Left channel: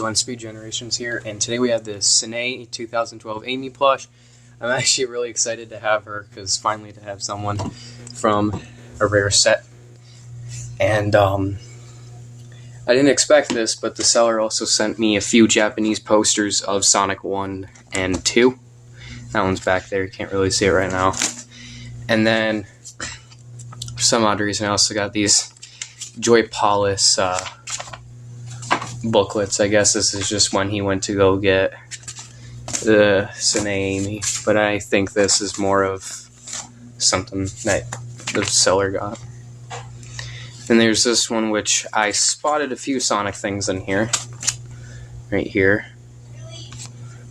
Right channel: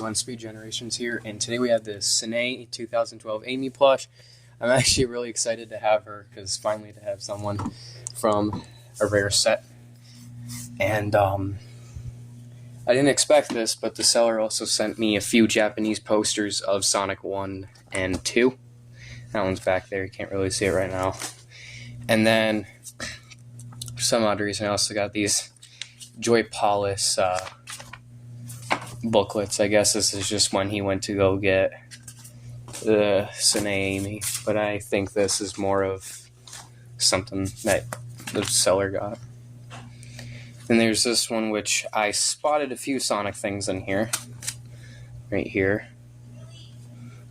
everyone, Speed Generations here, and today we have the Sanei 2012 Amy plush. I'm actually really excited to have her, because finally to have someone from a rare set. And I didn't expect this, but the seller also sent me a few Japanese posters of Sonic 1 and 2. That one's back there, you can't really see it right now. And then, for some odd reason, I also got these Joy Polish booklets. I guess this is just when he went to go get the Sanei Amy, but I think this is more of something that the seller got. And there's this one which I spotted a few Sonic things in here, right here.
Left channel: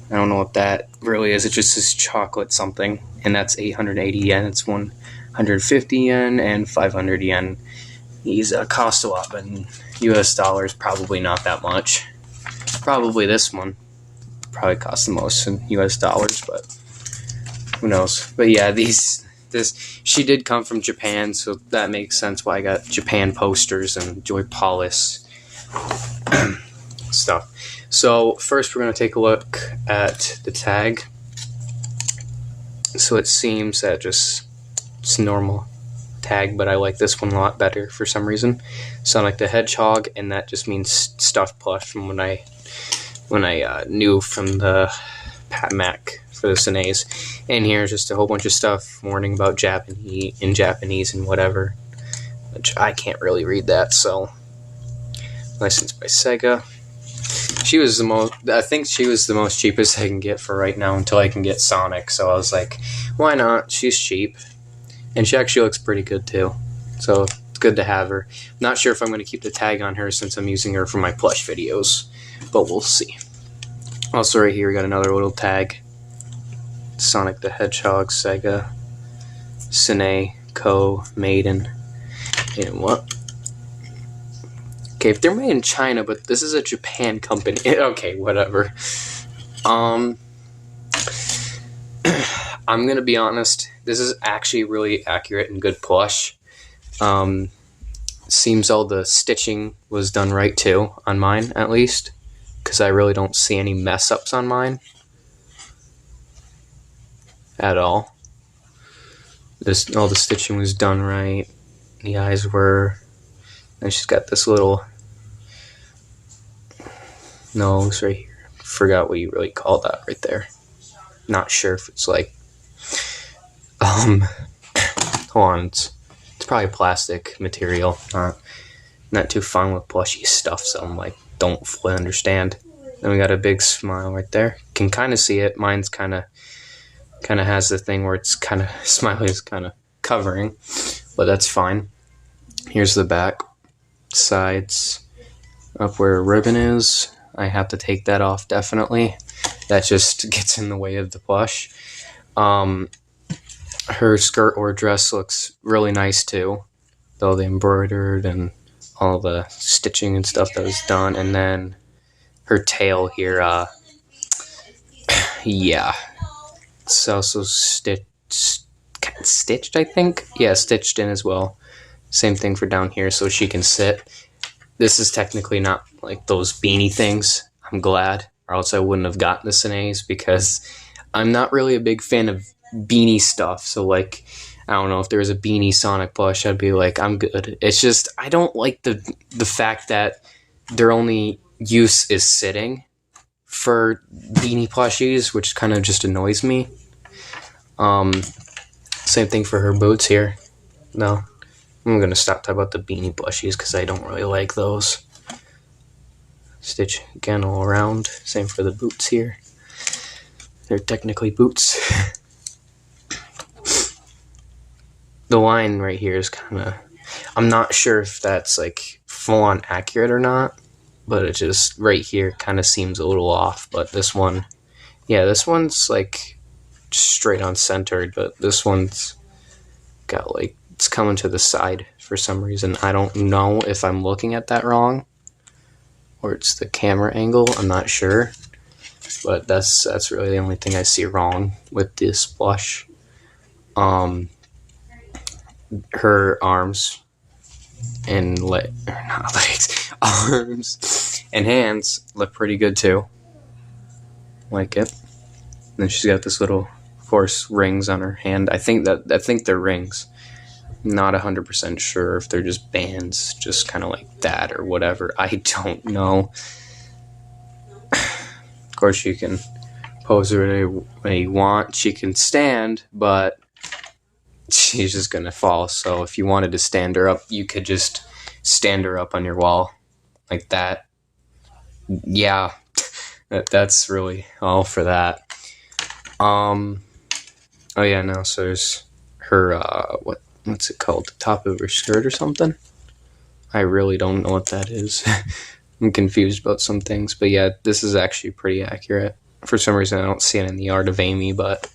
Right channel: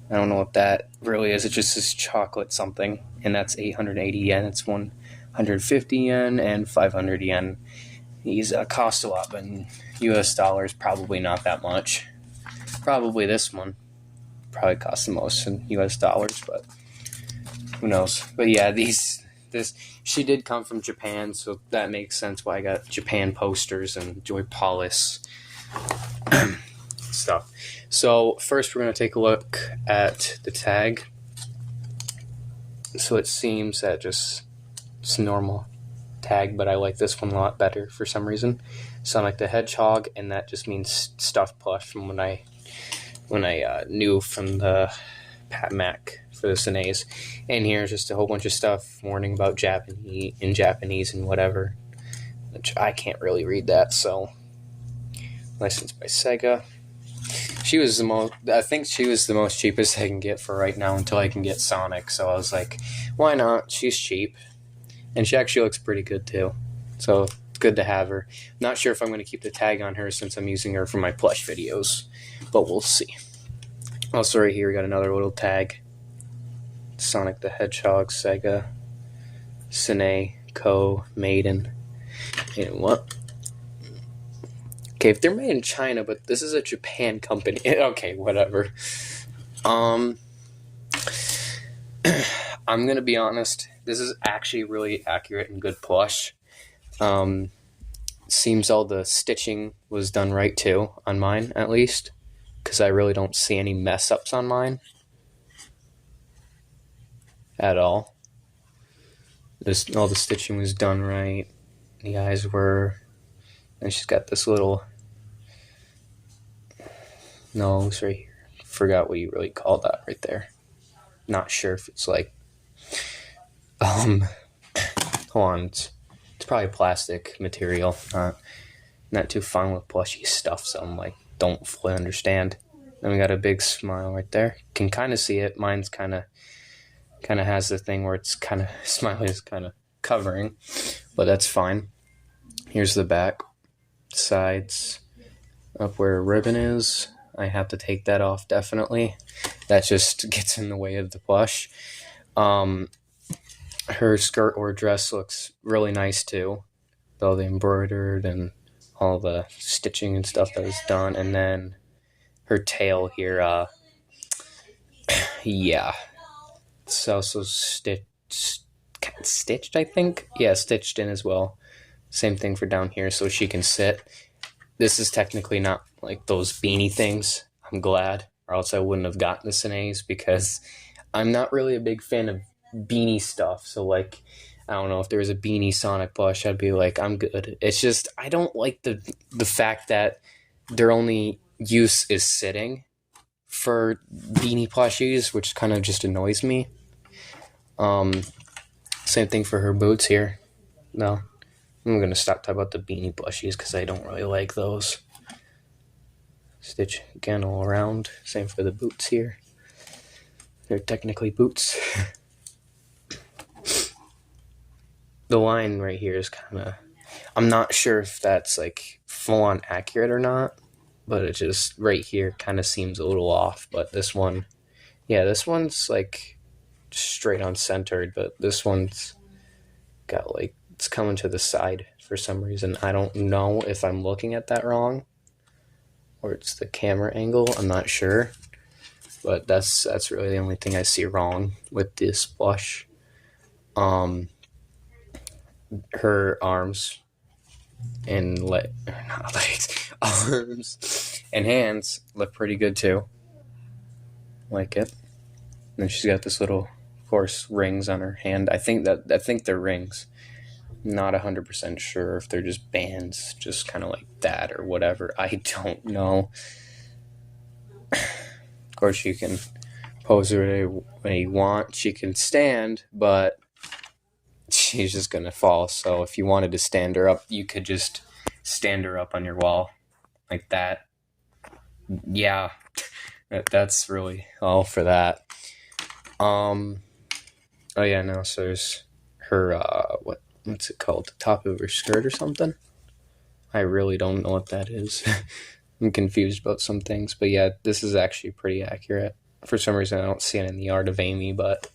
I don't know what that really is. It just says chocolate something, and that's 880 yen. It's 150 yen and 500 yen. These cost a lot, but in US dollars, probably not that much. Probably this one probably cost the most in US dollars, but who knows. But yeah, she did come from Japan, so that makes sense why I got Japan posters and Joy Polish stuff. So first we're going to take a look at the tag. So it seems that it's normal tag, but I like this one a lot better for some reason. Sonic the Hedgehog, and that just means stuffed plush from when I knew from the Pat Mac for the Saneis. And here's just a whole bunch of stuff warning about Japanese and whatever, which I can't really read that. So licensed by Sega. I think she was the most cheapest I can get for right now until I can get Sonic. So I was like, why not? She's cheap. And she actually looks pretty good too. So it's good to have her. Not sure if I'm going to keep the tag on her since I'm using her for my plush videos, but we'll see. Also right here we got another little tag. Sonic the Hedgehog, Sega, Sanei, Co, Maiden, and what? Okay, they're made in China, but this is a Japan company. Okay, whatever. I'm gonna be honest, this is actually really accurate and good plush. Seems all the stitching was done right too, on mine at least, because I really don't see any mess ups on mine at all. All the stitching was done right. The eyes were. And she's got this little nose right here. Forgot what you really call that right there. Not sure if it's like hold on, it's probably plastic material. Not too fun with plushy stuff, so I'm like, don't fully understand. Then we got a big smile right there. Can kind of see it. Mine's kind of has the thing where it's kind of smiley is kind of covering, but that's fine. Here's the back, sides, up where a ribbon is. I have to take that off definitely. That just gets in the way of the plush. Her skirt or dress looks really nice too, though the embroidered and all the stitching and stuff that was done. And then her tail here, yeah, it's also stitched, I think. Yeah, stitched in as well. Same thing for down here, so she can sit. This is technically not like those beanie things. I'm glad, or else I wouldn't have gotten the Saneis, because I'm not really a big fan of beanie stuff. So like, I don't know, if there was a beanie Sonic plush, I'd be like, I'm good. It's just, I don't like the fact that their only use is sitting for beanie plushies, which kind of just annoys me. Same thing for her boots here. No, I'm going to stop talking about the beanie plushies because I don't really like those. Stitch again all around. Same for the boots here. They're technically boots. The line right here is kind of, I'm not sure if that's like full on accurate or not, but it just right here kind of seems a little off. But this one, yeah, this one's like straight on centered, but this one's got like, it's coming to the side for some reason. I don't know if I'm looking at that wrong or it's the camera angle. I'm not sure, but that's really the only thing I see wrong with this plush. Her arms and not legs, arms And hands look pretty good too. Like it. And then she's got this little, of course, rings on her hand. I think they're rings. Not 100% sure if they're just bands, just kind of like that or whatever. I don't know. Of course, you can pose her when you want. She can stand, but she's just gonna fall. So if you wanted to stand her up, you could just stand her up on your wall like that. Yeah, that's really all for that. Oh yeah, no. So there's her what's it called? The top of her skirt or something? I really don't know what that is. I'm confused about some things, but yeah, this is actually pretty accurate. For some reason, I don't see it in the Art of Amy, but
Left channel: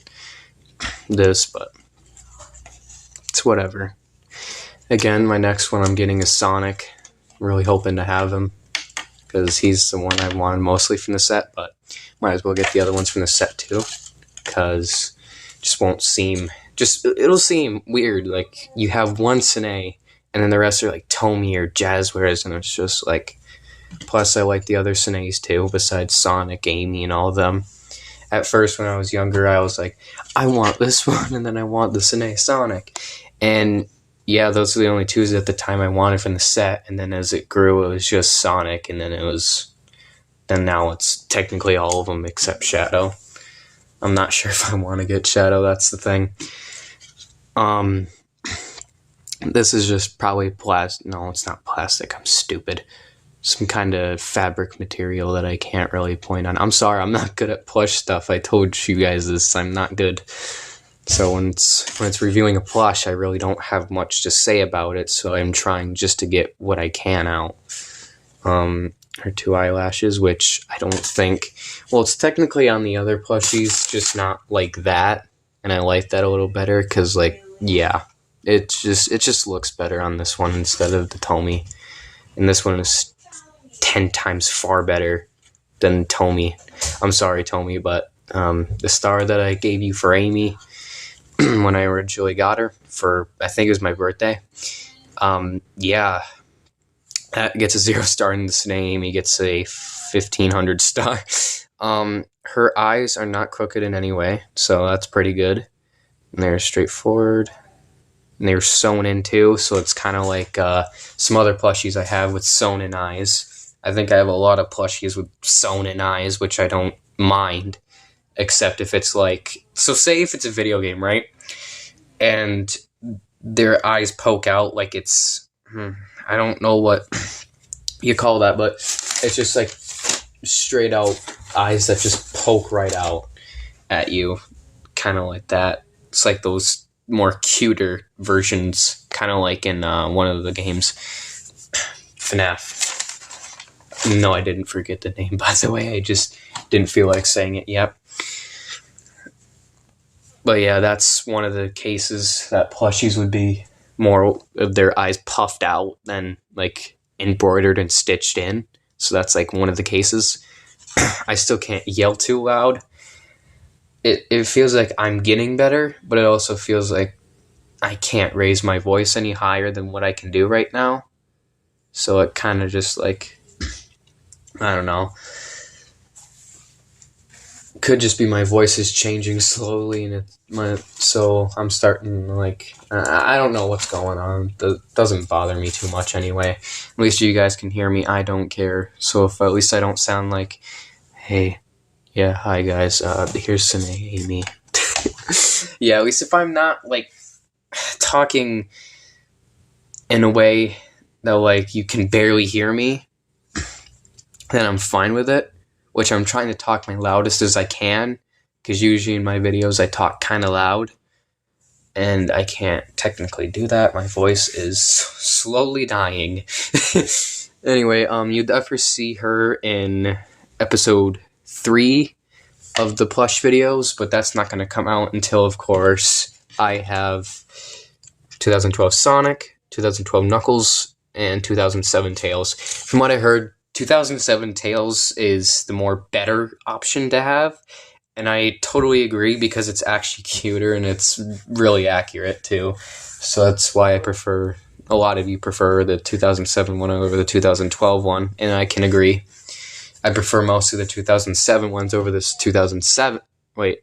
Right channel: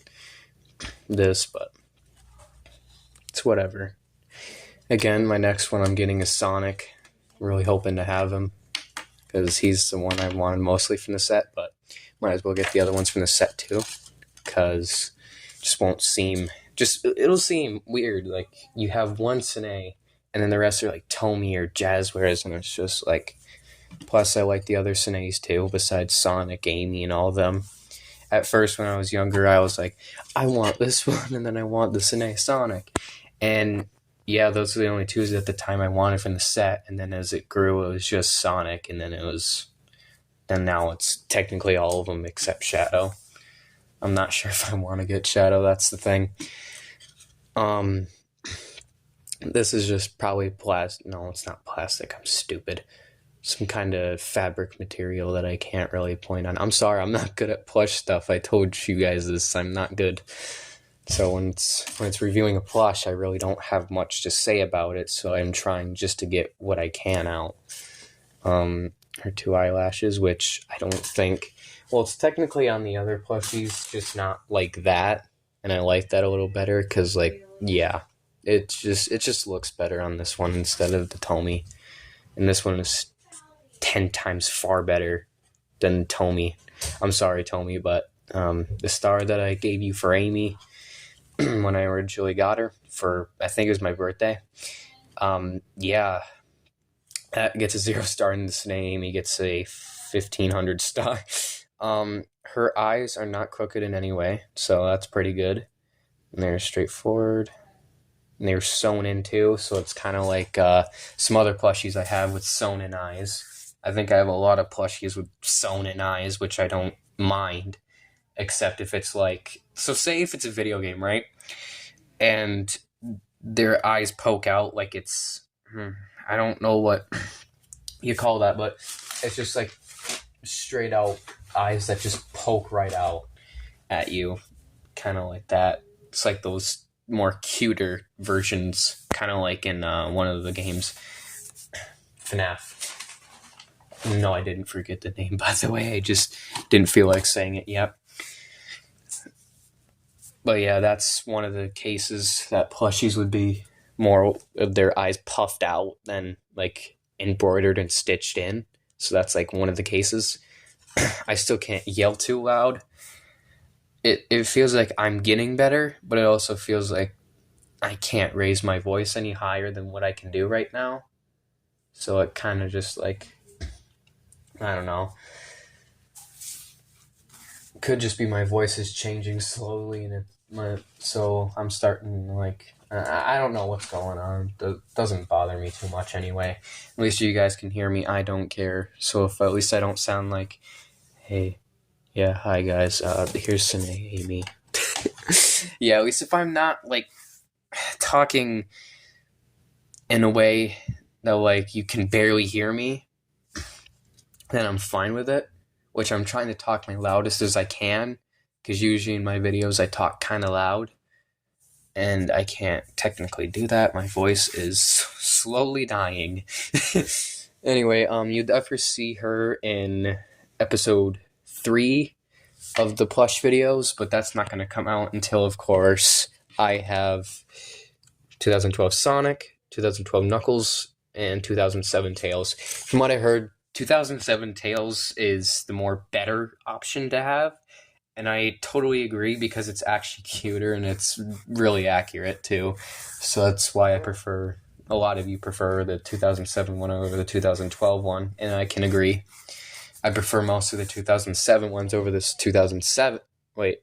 it's whatever. Again, my next one I'm getting is Sonic. I'm really hoping to have him because he's the one I wanted mostly from the set, but might as well get the other ones from the set too because it just won't seem... it'll seem weird. Like, you have one Sanei, and then the rest are like Tomy or Jazzwares, and it's just like... Plus, I like the other Saneis too, besides Sonic, Amy, and all of them. At first, when I was younger, I was like, I want this one, and then I want the Sanei Sonic. And yeah, those are the only two at the time I wanted from the set, and then as it grew, it was just Sonic, and then now it's technically all of them except Shadow. I'm not sure if I want to get Shadow, that's the thing. This is just probably plastic. No, it's not plastic. I'm stupid. Some kind of fabric material that I can't really point on. I'm sorry, I'm not good at plush stuff. I told you guys this. I'm not good. So when it's reviewing a plush, I really don't have much to say about it. So I'm trying just to get what I can out. Her two eyelashes, which I don't think... Well, it's technically on the other plushies, just not like that. And I like that a little better because, like, yeah. It just looks better on this one instead of the Tomy. And this one is 10 times far better than Tomy. I'm sorry, Tomy, but the star that I gave you for Amy when I originally got her for, I think it was my birthday, yeah, that gets a 0 star, and the Sanei Amy gets a 1500 star. Her eyes are not crooked in any way, so that's pretty good. And they're straightforward. And they were sewn in too, so it's kind of like some other plushies I have with sewn in eyes. I think I have a lot of plushies with sewn in eyes, which I don't mind, except if it's like... So say if it's a video game, right? And their eyes poke out like it's... I don't know what you call that, but it's just like straight out eyes that just poke right out at you. Kind of like that. It's like those more cuter versions, kind of like in one of the games, FNAF. No, I didn't forget the name, by the way. I just didn't feel like saying it yet. But yeah, that's one of the cases that plushies would be more of their eyes puffed out than like embroidered and stitched in. So that's like one of the cases. I still can't yell too loud. It feels like I'm getting better, but it also feels like I can't raise my voice any higher than what I can do right now. So it kind of just like, I don't know. Could just be my voice is changing slowly, and so I'm starting like, I don't know what's going on. It doesn't bother me too much anyway. At least you guys can hear me. I don't care. So if at least I don't sound like, hey, yeah, hi guys, here's Sanei Amy. Yeah, at least if I'm not like talking in a way that like you can barely hear me, then I'm fine with it. Which I'm trying to talk my loudest as I can, because usually in my videos I talk kind of loud, and I can't technically do that. My voice is slowly dying. Anyway, you'd ever see her in episode 3 of the plush videos, but that's not going to come out until, of course, I have 2012 Sonic, 2012 Knuckles, and 2007 Tails. From what I heard, 2007 Tails is the more better option to have, and I totally agree because it's actually cuter and it's really accurate too. So that's why a lot of you prefer the 2007 one over the 2012 one, and I can agree. I prefer most of the 2007 ones over this 2007. Wait,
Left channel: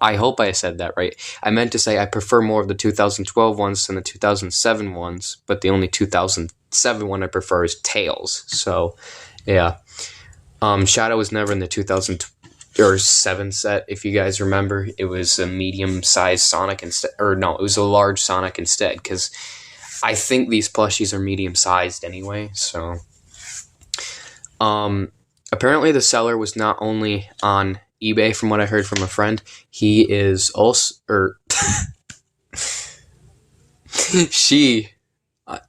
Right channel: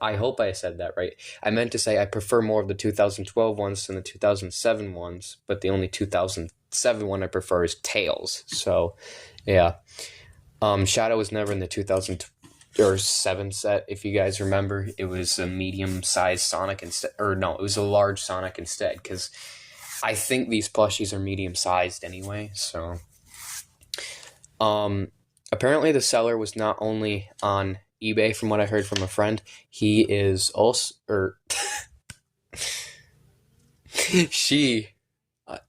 I hope I said that right. I meant to say I prefer more of the 2012 ones than the 2007 ones, but the only 2007 one I prefer is Tails. So, yeah. Shadow was never in the 2007 set, if you guys remember. It was a medium-sized Sonic instead. Or no, it was a large Sonic instead, because I think these plushies are medium-sized anyway, so... Apparently the seller was not only on eBay, from what I heard from a friend. He is also...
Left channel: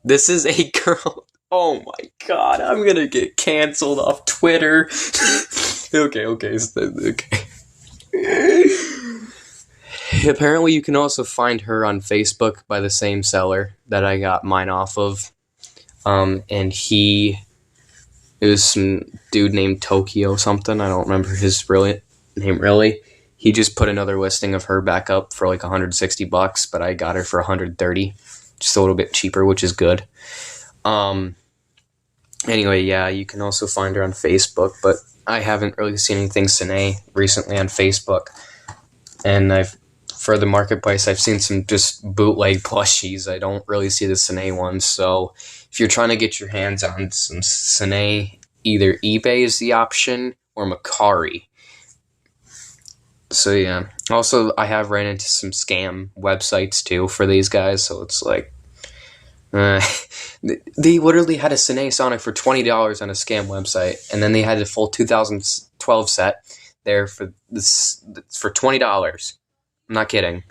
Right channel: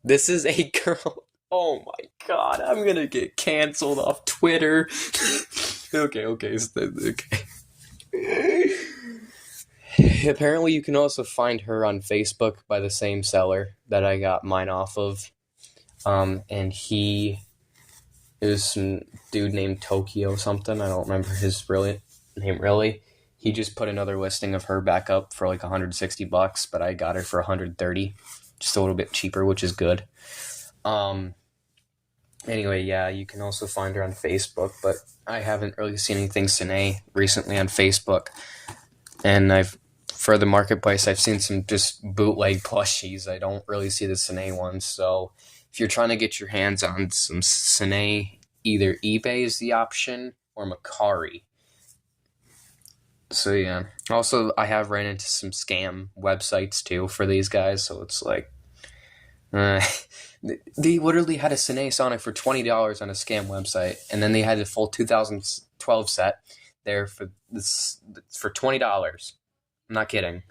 this is a girl... Oh my god, I'm gonna get canceled off Twitter. Okay. Apparently you can also find her on Facebook by the same seller that I got mine off of. And it was some dude named Tokyo something. I don't remember his name really. He just put another listing of her back up for like $160, but I got her for $130, just a little bit cheaper, which is good. Anyway, yeah, you can also find her on Facebook, but I haven't really seen anything Sanei recently on Facebook. And for the marketplace, I've seen some just bootleg plushies. I don't really see the Sanei ones, so if you're trying to get your hands on some Sanei, either eBay is the option or Macari. So yeah. Also, I have ran into some scam websites too for these guys, so it's like... they literally had a Sanei Sonic for $20 on a scam website, and then they had the full 2012 set there for $20. I'm not kidding.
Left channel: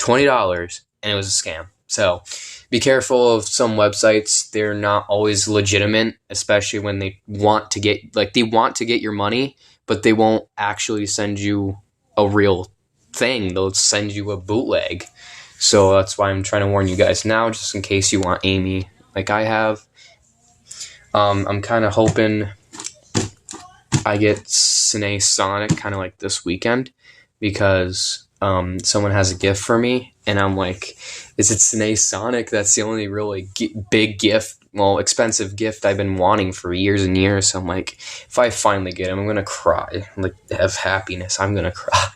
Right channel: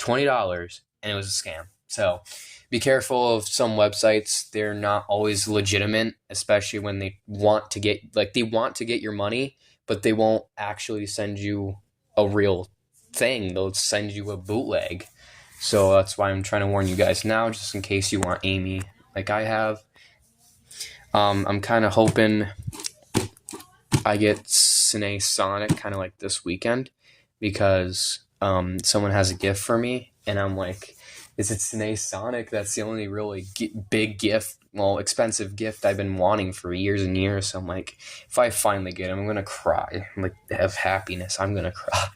$20, and it was a scam. So be careful of some websites. They're not always legitimate, especially when they want to get your money, but they won't actually send you a real thing. They'll send you a bootleg. So that's why I'm trying to warn you guys now, just in case you want Amy like I have. I'm kind of hoping I get Sanei Sonic kind of like this weekend, because someone has a gift for me, and I'm like, is it Sanei Sonic? That's the only really big gift, expensive gift I've been wanting for years and years. So I'm like, if I finally get him, I'm going to cry. Like, have happiness. I'm going to cry.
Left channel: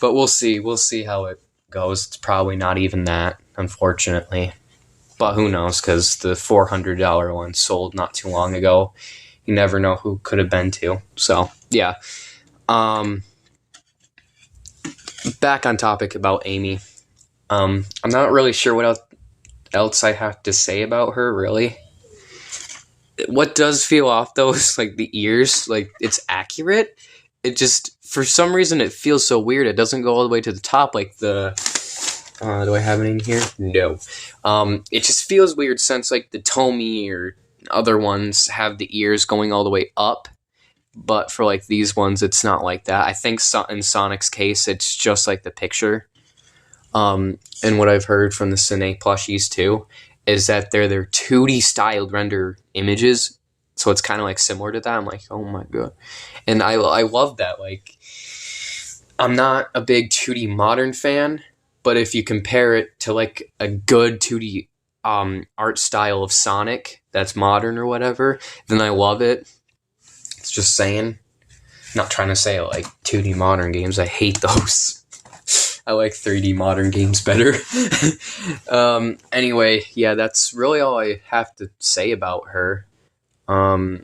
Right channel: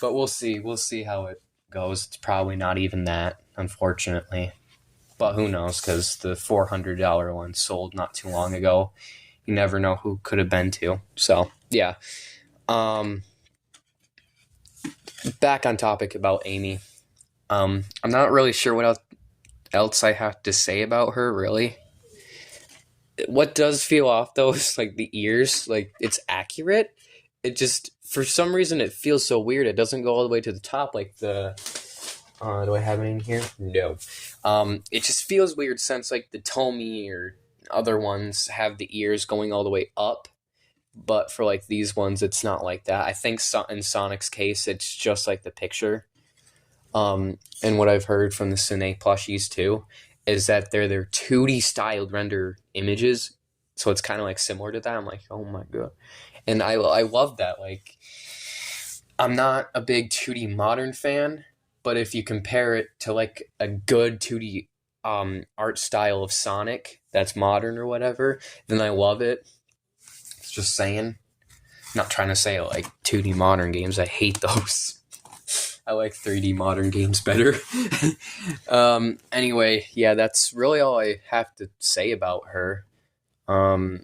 But we'll see. We'll see how it goes. It's probably not even that, unfortunately. But who knows, because the $400 one sold not too long ago. You never know who could have been to. So, yeah. Back on topic about Amy. I'm not really sure what else I have to say about her, really. What does feel off, though, is like the ears. Like, it's accurate. It just, for some reason, it feels so weird. It doesn't go all the way to the top like the... do I have it in here? No. It just feels weird since, like, the Tomy or other ones have the ears going all the way up. But for, like, these ones, it's not like that. I think in Sonic's case, it's just like the picture. And what I've heard from the Sanei Plushies, too, is that they're their 2D styled render images. So it's kind of, like, similar to that. I'm like, oh, my God. And I love that. Like, I'm not a big 2D modern fan, but if you compare it to, like, a good 2D art style of Sonic that's modern or whatever, then I love it. It's just saying. I'm not trying to say, like, 2D modern games. I hate those. I like 3D modern games better. Anyway, yeah, that's really all I have to say about her. I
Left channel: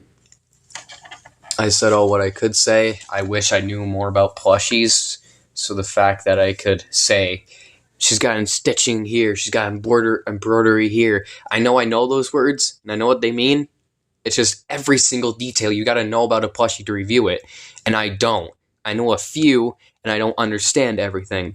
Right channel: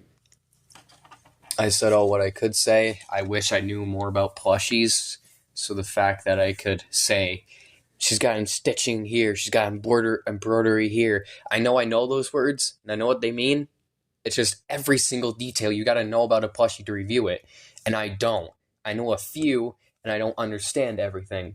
said all what I could say. I wish I knew more about plushies. So the fact that I could say, she's got stitching here, she's got embroidery here. I know those words, and I know what they mean. It's just every single detail you got to know about a plushie to review it. And I don't. I know a few, and I don't understand everything.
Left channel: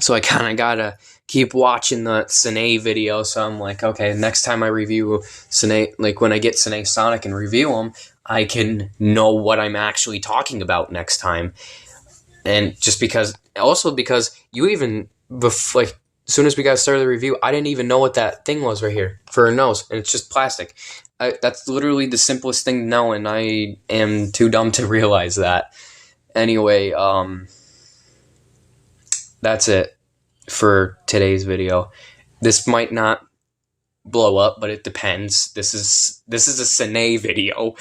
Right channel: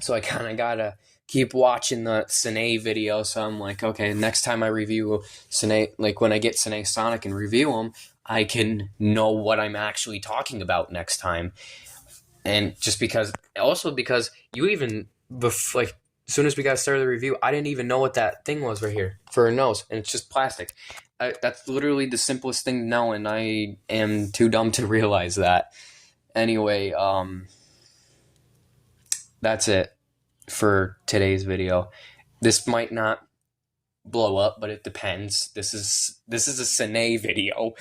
So I kind of got to keep watching the Sanei video. So I'm like, okay, next time I review Sanei, like when I get Sanei Sonic and review them, I can know what I'm actually talking about next time. And just because you even, like, as soon as we got started the review, I didn't even know what that thing was right here for her nose, and it's just plastic. That's literally the simplest thing to know, and I am too dumb to realize that. Anyway, that's it for today's video. This might not blow up, but it depends. This is a Sanei video.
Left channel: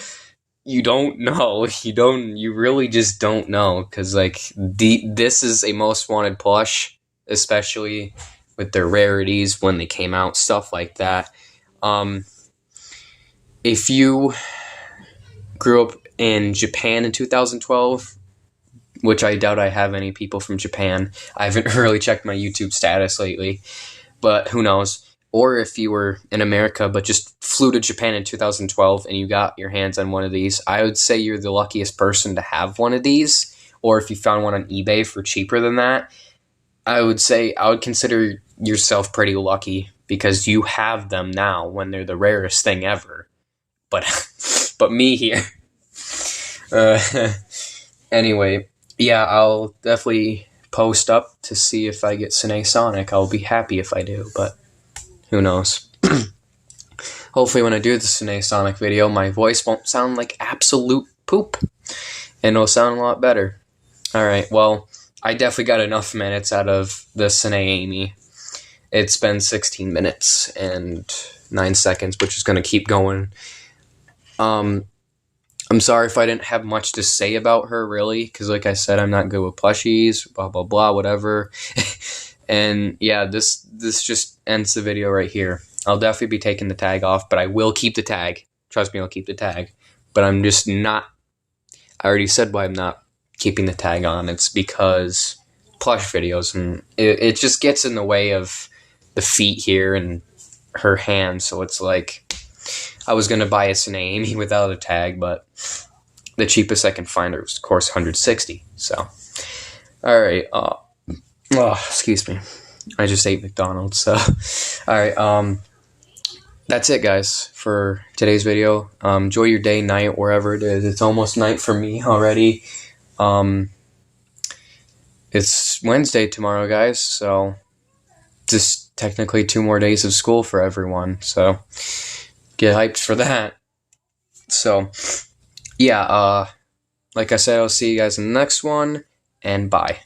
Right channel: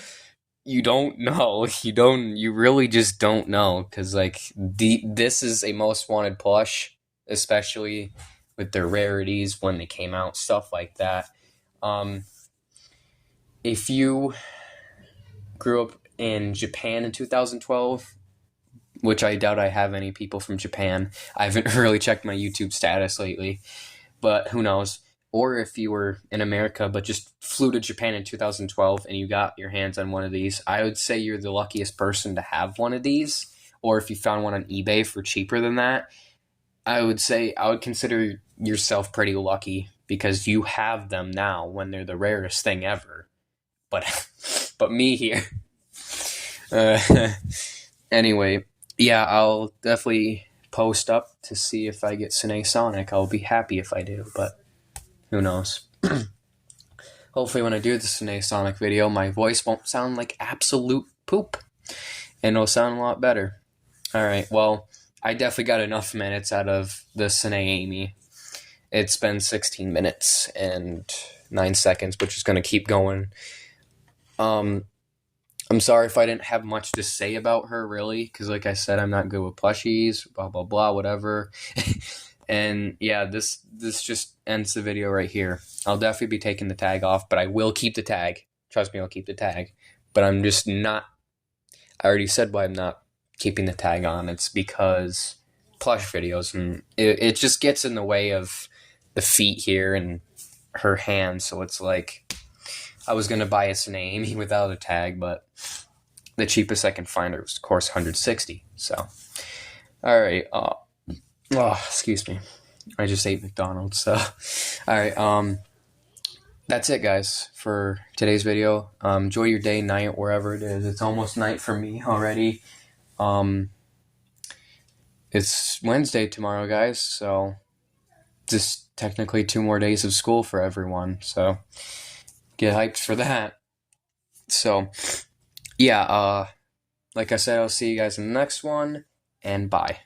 you don't know. You really just don't know. Because, like, this is a most wanted plush, especially with their rarities when they came out, stuff like that. Um, if you grew up in Japan in 2012, which I doubt I have any people from Japan. I haven't really checked my YouTube status lately, but who knows. Or if you were in America but just flew to Japan in 2012 and you got your hands on one of these, I would say you're the luckiest person to have one of these. Or if you found one on eBay for cheaper than that, I would say I would consider yourself pretty lucky because you have them now when they're the rarest thing ever. But but me here. Anyway, yeah, I'll definitely post up to see if I get Sanei Sonic. I'll be happy if I do, but who knows. Hopefully when I do the Sanei Sonic video, my voice won't sound like absolute poop, and it'll sound a lot better. Alright, well, I definitely got enough minutes out of the Sanei Amy. It's been 16 minutes and 9 seconds, which is going to keep going. I'm sorry if I didn't have much to say about her, really, because like I said, I'm not good with plushies, blah, blah, blah, whatever. And yeah, this just ends the video right here. I'll definitely be taking the tag off, but I will keep the tag. Trust me, I'll keep the tag. But I'm just not, I already said why I'm not keeping the tag on. It's because plush videos, and it just gets in the way of the feet here and her hands, so it's like, I was going to buy a Sanei Amy without a tag, but the cheapest I can find was, of course, 160. So, alright. Excuse me. I just ate McDonald's, so. Alright, that's it, guys, for today's video. Enjoy your day, night, wherever it is. It's almost night for me already. It's Wednesday tomorrow, guys, so just technically 2 more days of school for everyone, so get hyped for that. So, yeah, like I said, I'll see you guys in the next one, and bye.